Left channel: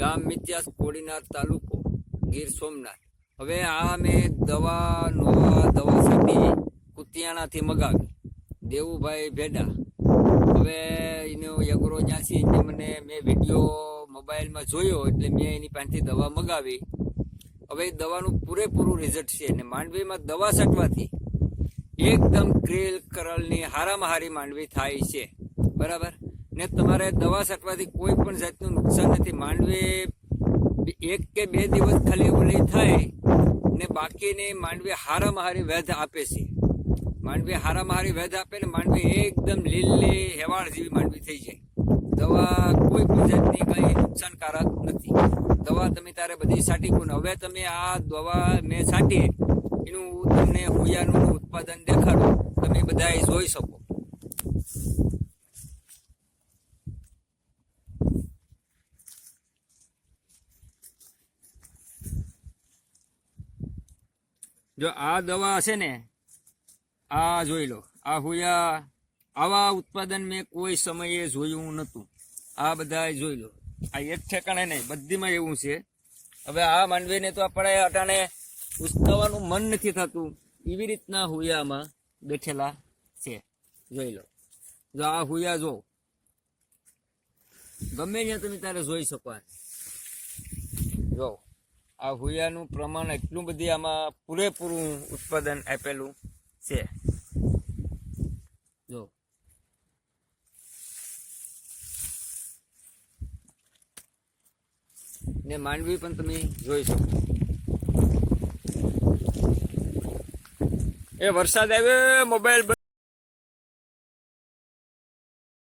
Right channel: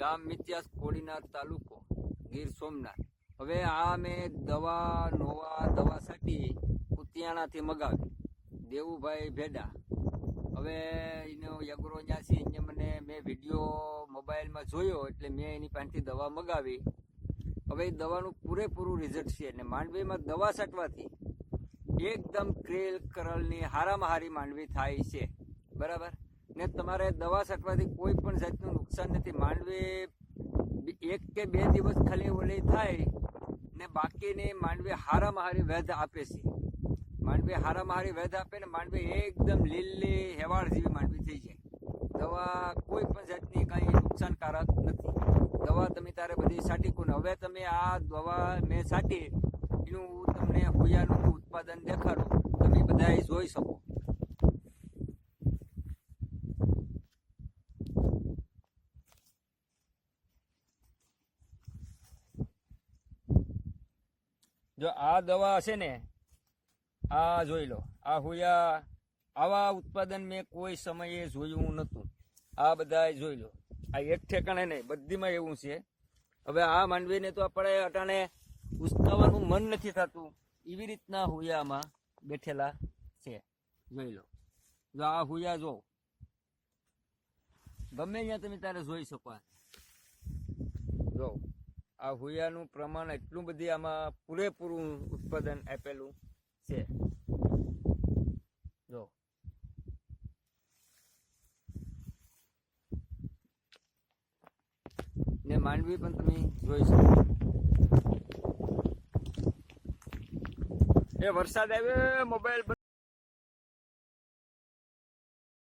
ગામ મિત્યાસ કોડીનાર તાલુકો ગીર સોમનાથ। હવે આ મેં નવા દવા છાંટી કુતિયાણાથી મગાવી દેવુભાઈ ભેડા। હવે એનો યગરો ત્યાંથી મને મેં વિડીયો મોબાઈલમાં જોયો એટલે મેં એની પાસેથી દવા મગાવી। હવે એ દવાનું પૂરેપૂરું રિઝલ્ટ છે ને માંડવીમાં દવા છાંટવાથી એકદમ ક્રેલ કરલની હારામાં હારી માંડવી થાય છે, બરાબર ને। તમારે દવા છાંટવાથી કોઈ પણ જાતનું નુકસાન નથી। માંડવી 1 કે 2 દિવસ ખાલી ઓલી થાય ને બાકીની માંડવી હારામાં હારી વેધ આપે છે। માંડવી હારામાં હારી વેધ આપે ને માંડવી એકદમ લીલી હેવાળ જેવી માંડવી થઈ જાય। દવા કોઈ પણ જાતની કંઈ નુકસાનકારક નથી। દવા તમે તારે બધી છાંટી કોને। હવે તમે આ દવા મેં છાંટી એનું તમને હોયાનું ઉત્પાદન દેખાડું, તમે બધા જોઈ શકો। જો આ દવા છે ને, આ જોઈ લો, આ હોયા આવા ઉત્પાદન મેં કોઈ સમયે જોયું નહોતું। આ બધા જોઈ લો, આ એક ઠેકાણે નહીં, બધીમાં એવું છે। હવે આ માંડવીને તો આપણે અટાણે ઉસકાવવાનું મન નથી થતું, એવી રીતના હુયામાં બેઠેલા છે, જોઈ લો। જો આ હુયા જો, ગમે ત્યાં તમે તારે જોઈ શકો। જો આ હુયાનું પ્રમાણ એટલું બધી આમાં પૂરેપૂરું ઉત્પાદન આપેલું છે, જો। ને માંડવી પણ તમે જોઈ શકો। એ વરસાદ આવ્યો, મોબાઈલ